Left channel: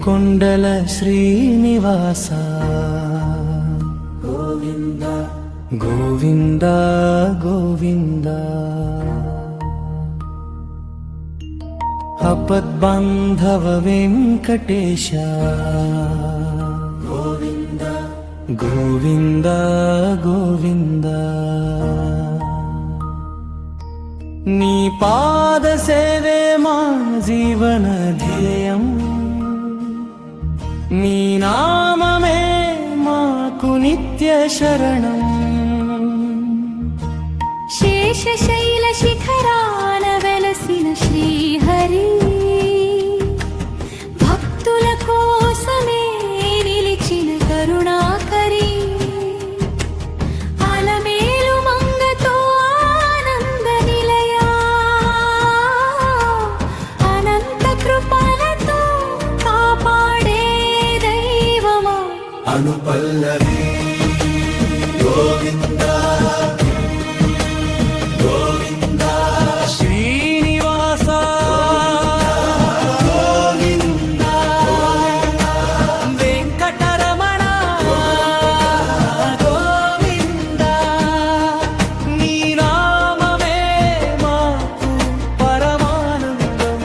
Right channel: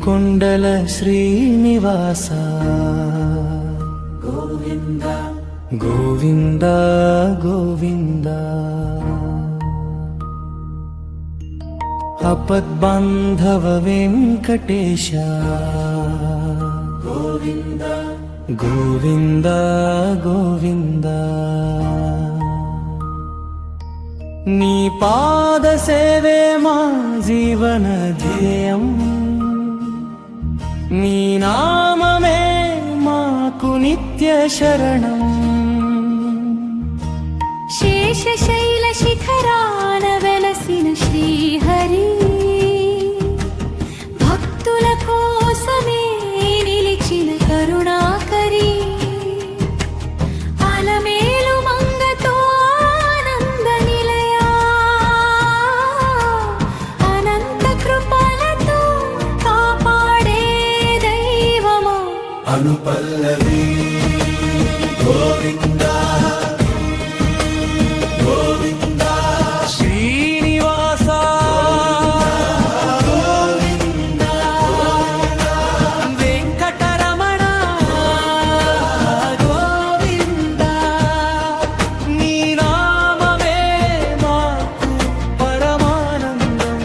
ఏడుకొండల శ్రీనివాస గోవింద గోవింద గోవింద అపద్బాంధవ వెంకటేశ గోవింద గోవింద గోవింద నీ పాద సేవే మా జీవన ధ్యేయం నీ నామమే మాకు నిత్య శరణం శేషశైల శిఖరాన వెలసిన శ్రీహరి భక్తుల కోసమే నిలిచిన కరుణాకరి అలమేలు మంగతో ఆనంద నిలయా అనంత కృపలతో కాపాడే దైవమా అనుపల్లవి గోవింద గోవింద శ్రీనివాస గోవింద వెంకటరమణ గోవింద నీ నామమే మాకు పరమానందం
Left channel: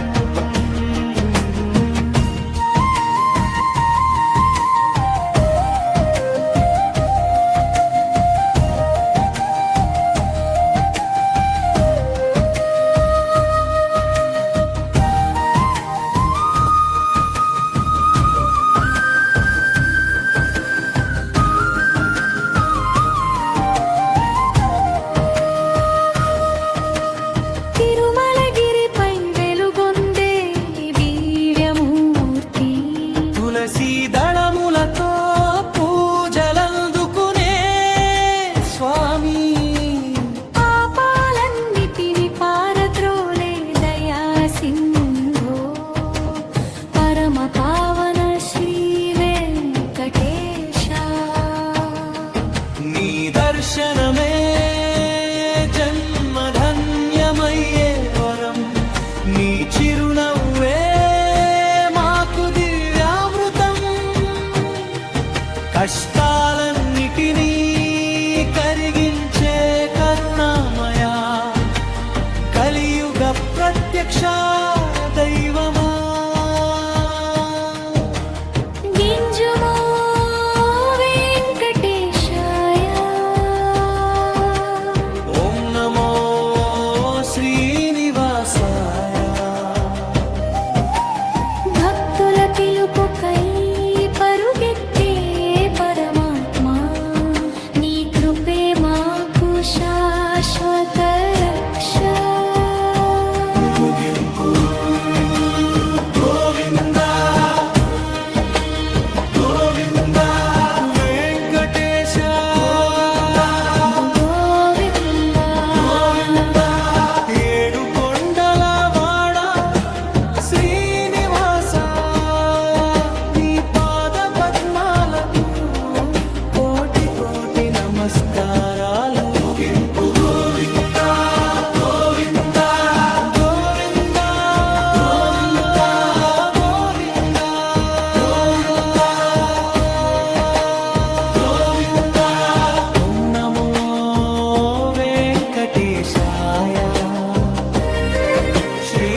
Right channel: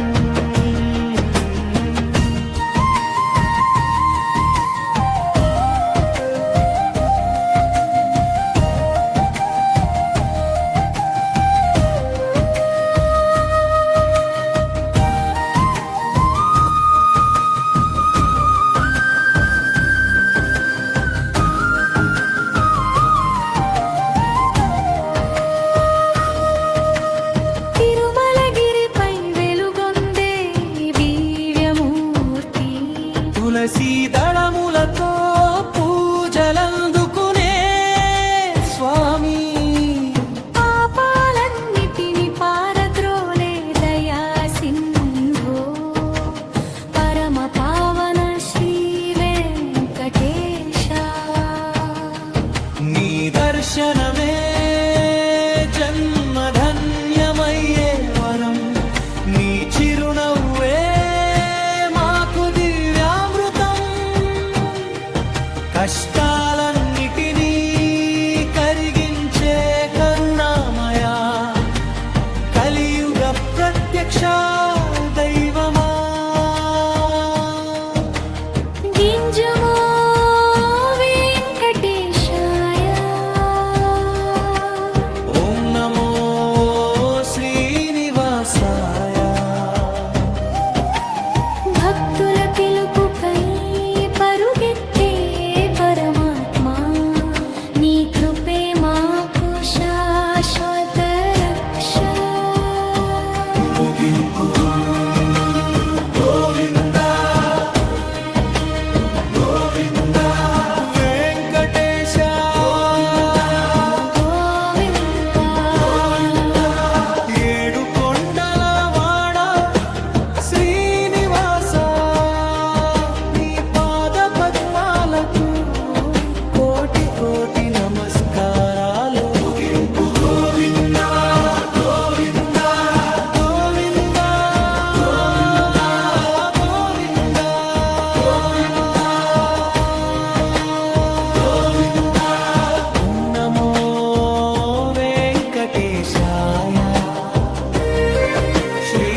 తిరుమలగిరిపై వెలుగొందే దివ్యమూర్తి తులసీ దళములతో పూజలందుకునే స్వామి పాపాలన్నిటిని పారద్రోలే దయా సింధో పరమ పావన శ్రీ వెంకటేశ నీ దర్శనమే జన్మధన్యమయ్యే వరం నీ చిరునవ్వే మాకు దివ్యామృతం కష్టాలన్నిటినీ కరిగించే కరుణామయా కలియుగ ప్రత్యక్ష దైవమా గింజుమో వెంకటేశాయ ఓం నమో శ్రీనివాసాయ భక్తుల పిలుపుకై పరుగెత్తే పరమాత్మా నీ కృపే మాకు శాశ్వత రక్ష ముగింపు గోవింద గోవింద వెంకటేశ గోవిందా ఏడు కొండల వాడ శ్రీనివాస నీ పాద పద్మాలకు కోటి కోటి నమస్కారాలు గోవింద గోవింద గోవింద గోవింద ఓం నమో వెంకటేశాయ శ్రీ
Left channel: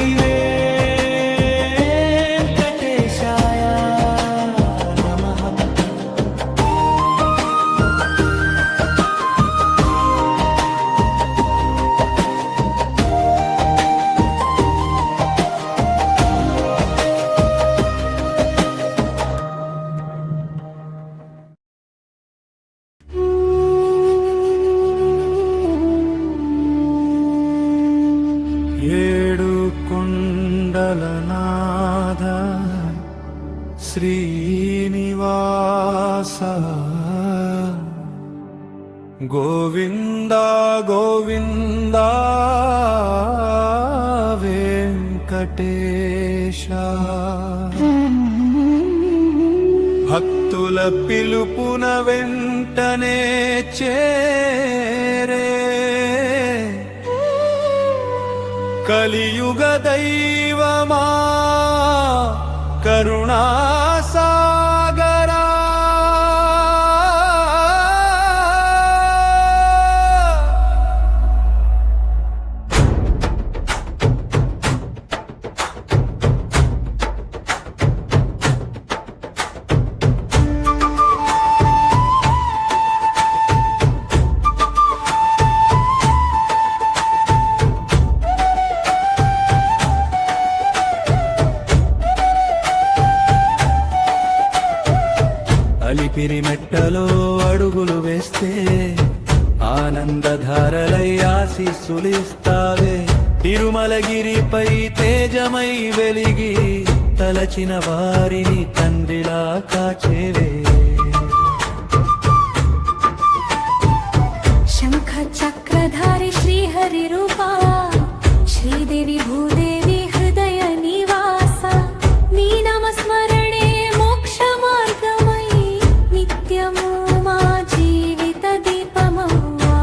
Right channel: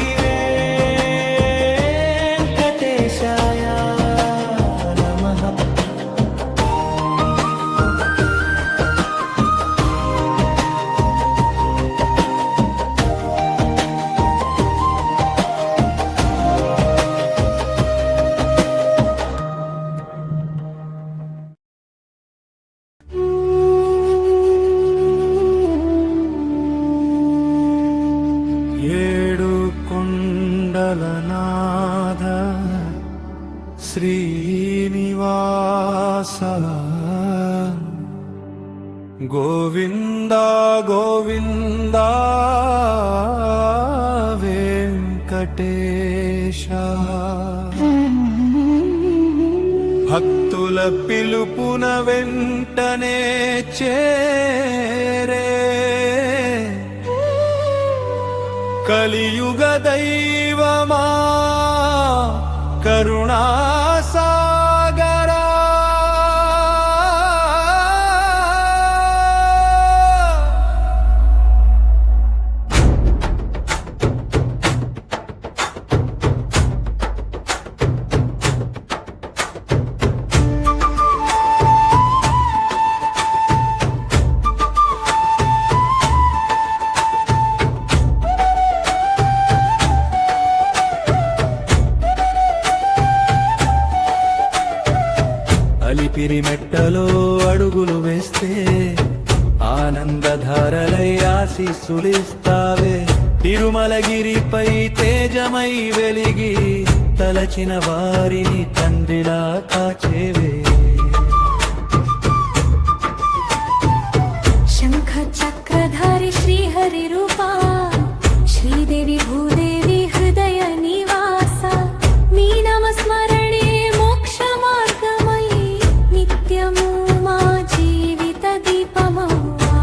వెంకటేశాయ నమః ఏడు కొండల నాథ శ్రీనివాస గోవింద గోవింద వెంకటేశ భక్తుల పిలుపున వెంటనే చేరే కలియుగ దైవమా కరుణాకరా సాగరా అలిపిరి మెట్టలో అడుగులు వేస్తే ఆనందధారలై ఆశీస్సులిస్తావే తిరుమలగిరిపై తేజమై వెలిగి తలచిన వారిని తండ్రిలా కాచేవే శంఖ చక్రధారి శ్రీహరి రూపా శ్రీదేవి భూదేవి హృదయ నివాస నీ నామస్మరణే మోక్ష మార్గమై నిత్యము మా జీవిత దీపమవ్వా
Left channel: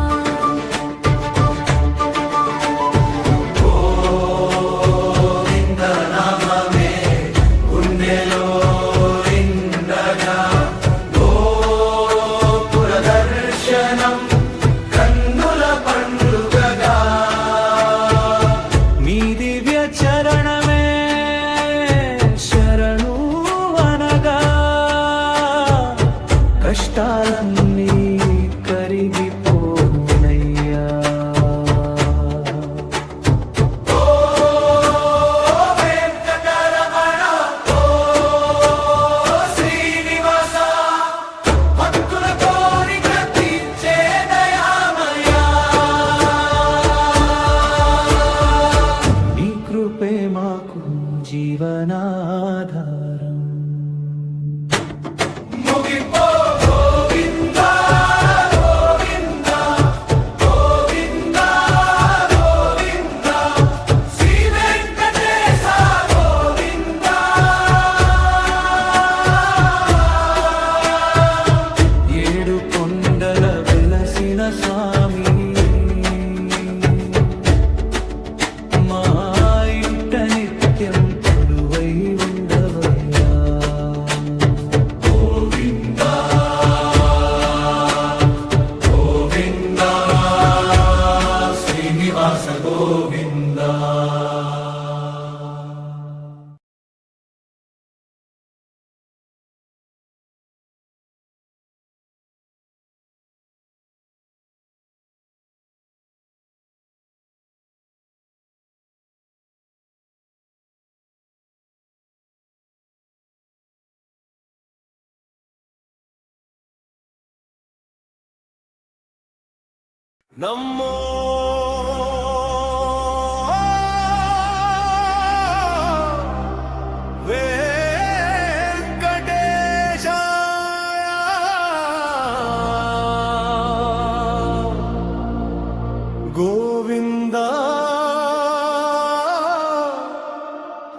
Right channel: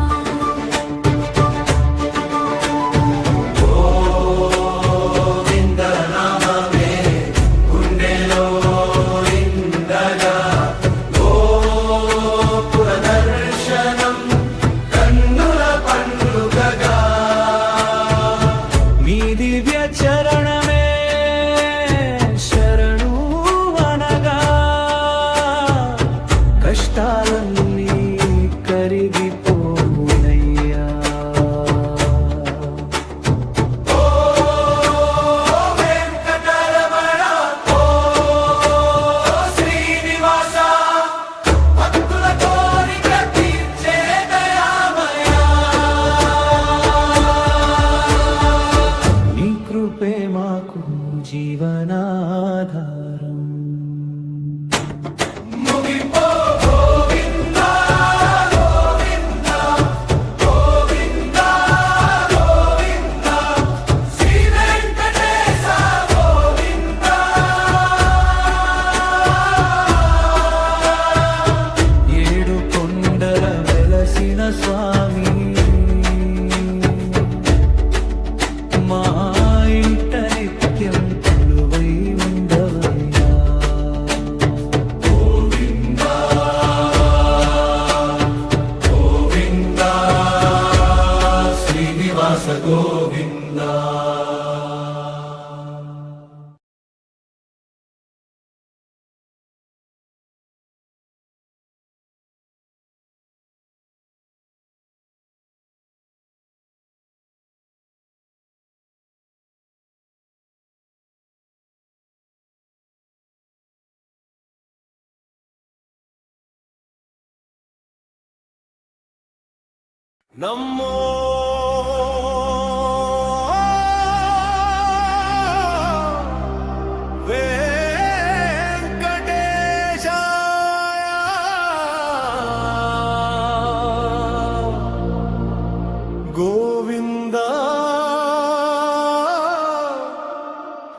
నీ దివ్య చరణమే శరణు అనగా కష్టాలన్నీ కరిగిపోనయ్యా నీ కృపే మాకు జీవనాధారం ఏడు కొండల వెలసిన స్వామి మా ఇంట నిత్యం కొలువై ఉండవయ్యా శ్రీనివాస గోవిందా నమ్మో వెంకటేశాయ గోవింద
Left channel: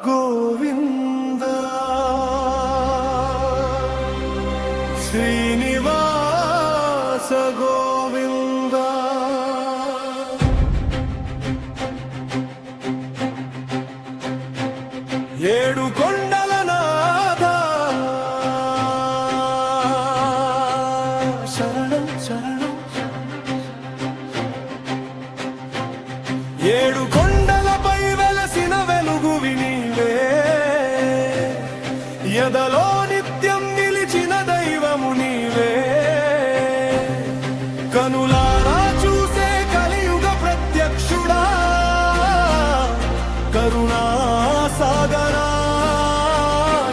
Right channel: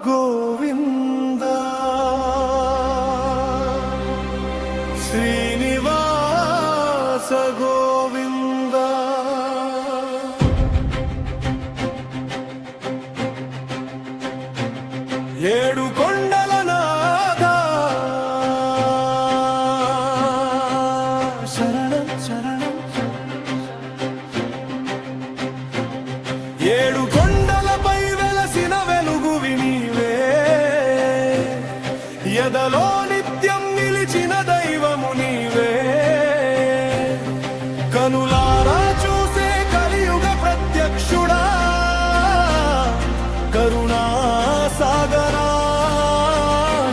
గోవింద శ్రీనివాస గోవింద ఏడు కొండల నాథ శరణం శరణం ఏడు కొండలపై వెలసిన వెలుగువి నీవే ఎదలో నిత్యం నిలిచిన దైవము నీవే కనులారా చూసే కలియుగ ప్రత్యక్షుడా కరుణా సాగరా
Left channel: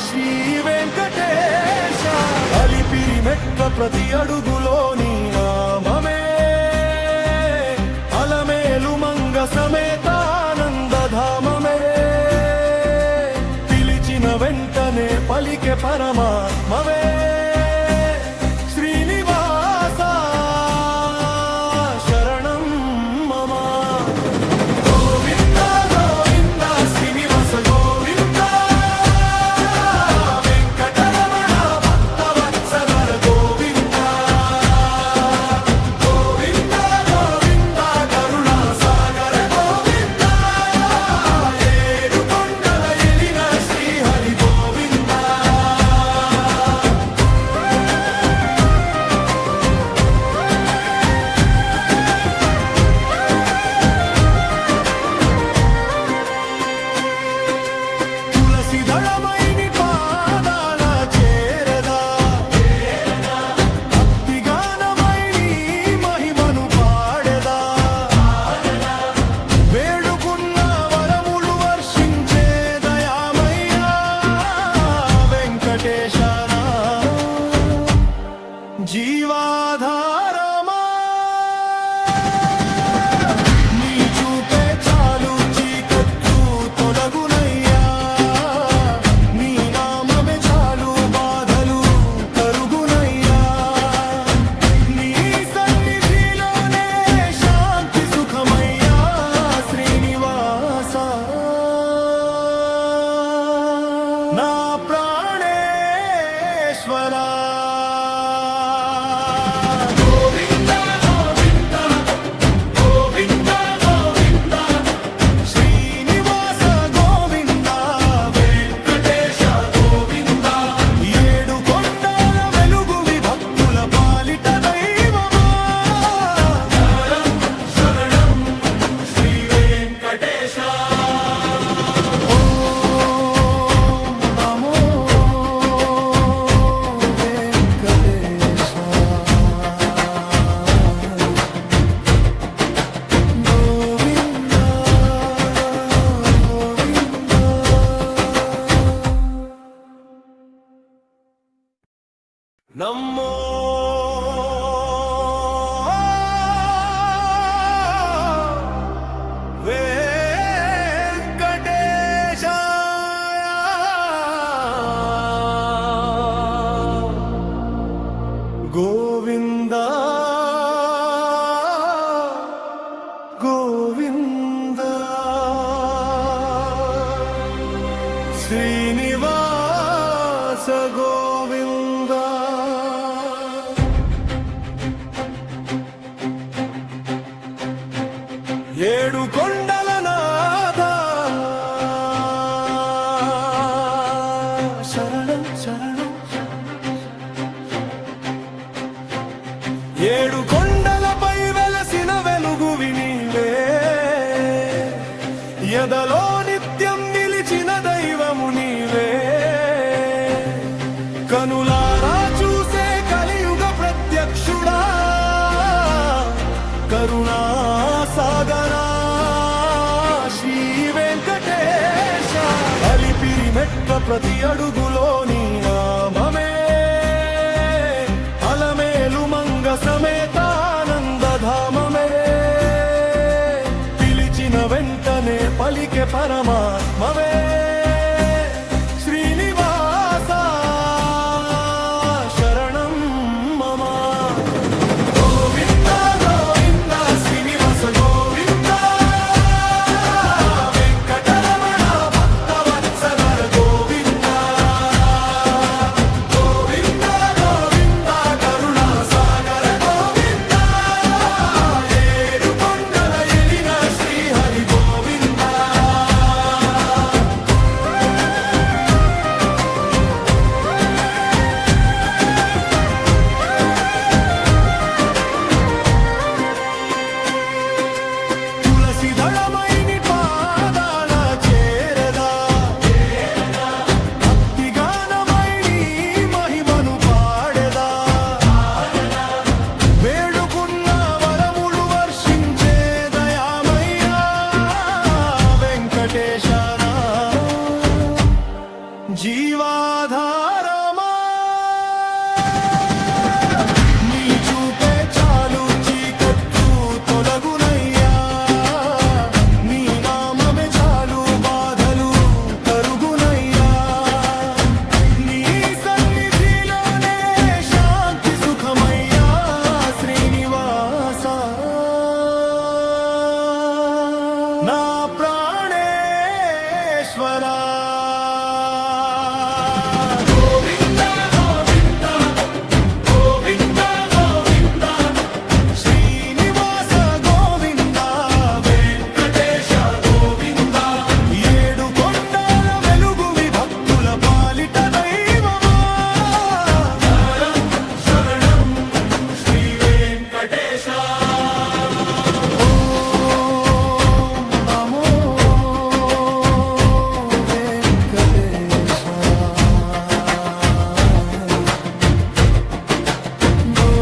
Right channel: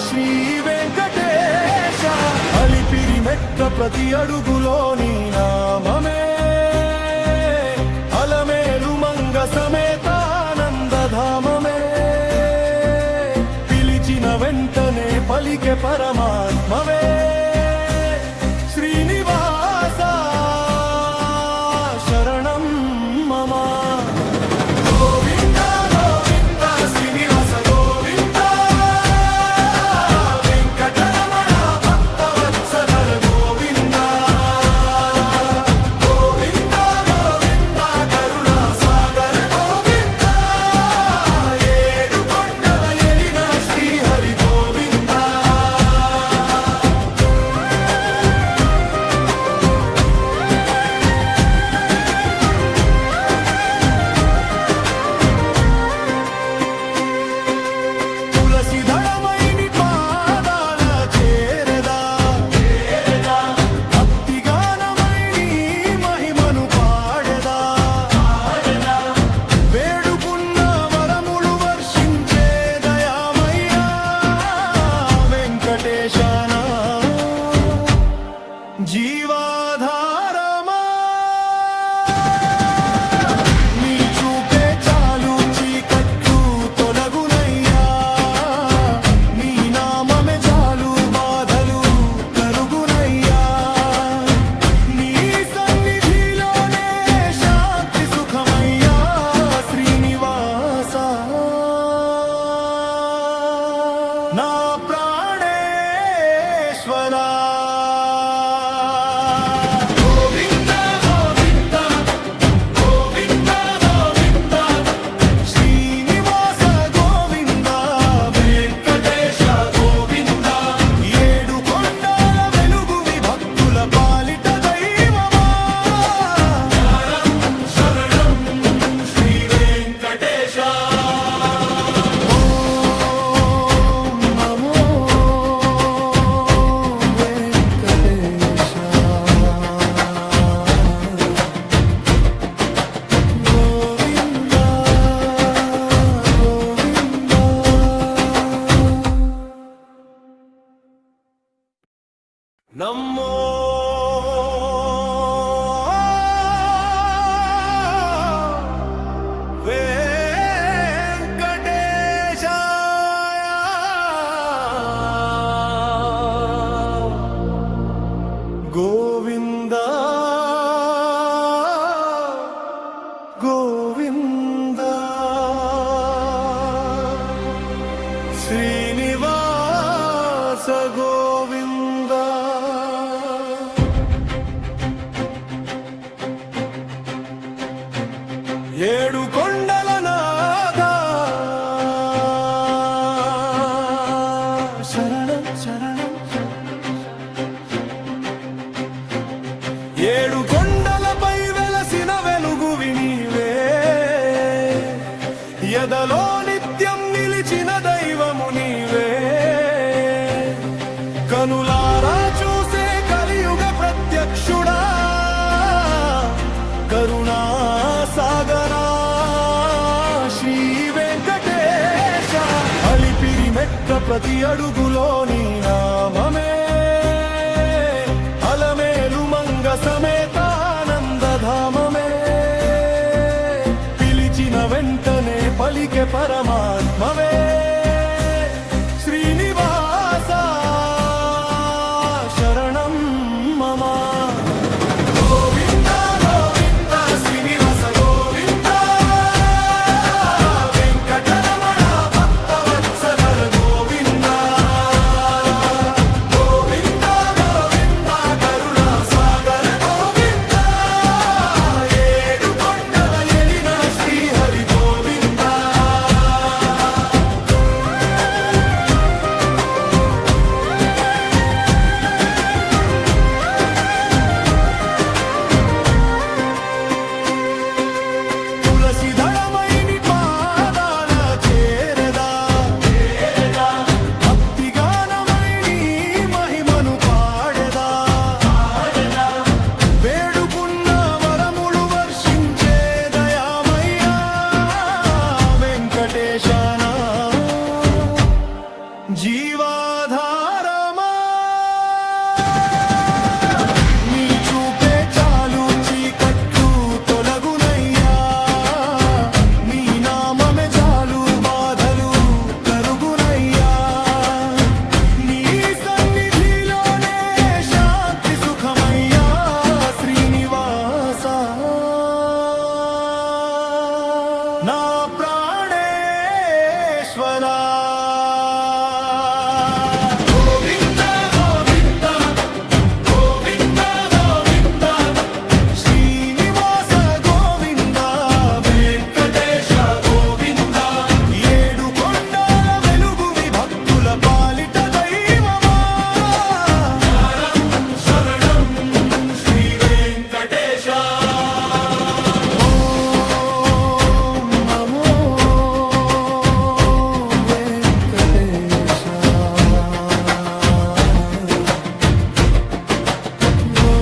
శ్రీ వెంకటేశ అలిపిరి మెట్ల ప్రతి అడుగులో నీ నామమే అలమేలు మంగ సమేతానందధామమే పిలిచిన వెంటనే పలికె పరమాత్మవే శ్రీనివాస శరణం మమ వెంకటేశనా జీవాధారమా నీ చూపే చాలు చీకట్లు తొలగునయ్యా నీ నామమే చాలు బాధలు కరుగునయ్యా నీ సన్నిధిలోనే శాంతి సుఖమయ్యా శ్రీనివాస నా ప్రాణేశ్వరా శ్రీనివాస గోవింద వెంకటేశ గోవింద ఏడు కొండల వెలుగువి భక్తుల పాలిట దైవమా శరణం శ్రీ వెంకటేశ ఓం నమో వెంకటేశ గోవింద గోవింద నమో వెంకటేశాయ గోవింద గోవింద శ్రీనివాస గోవింద ఏడు కొండల నాథ శరణం శరణం ఏడు కొండలపై వెలసిన వెలుగువి నీవే ఎదలో నిత్యం నిలిచిన దైవము నీవే కనులారా చూసే కలియుగ ప్రత్యక్షుడా కరుణా సాగరా శ్రీ వెంకటేశ అలిపిరి మెట్ల ప్రతి అడుగులో నీ నామమే అలమేలు మంగ సమేతానందధామమే పిలిచిన వెంటనే పలికే పరమాత్మవే శ్రీనివాస శరణం మమ గోవింద గోవింద శ్రీనివాస గోవింద వెంకటరమణ భక్తవత్సల గోవింద గోవింద గోవింద కరుణా సాగర గోవింద ఏడు కొండల ఎలిన శ్రీహరి గోవింద తులసి దళమైని పాదాల చేరదా భక్తి గానమైని మహిమను పాడెదా వేడుకున్న వరములు వర్షించే దయామయ్యా వెంకటేశనా జీవాధారమా నీ చూపే చాలు చీకట్లు తొలగునయ్యా నీ నామమే చాలు బాధలు కరుగునయ్యా నీ సన్నిధిలోనే శాంతి సుఖమయ్యా శ్రీనివాస నా ప్రాణేశ్వరా శ్రీనివాస గోవింద వెంకటేశ గోవింద ఏడు కొండల వెలుగువి భక్తుల పాలిట దైవమా శరణం శ్రీ వెంకటేశ ఓం నమో వెంకటేశ గోవింద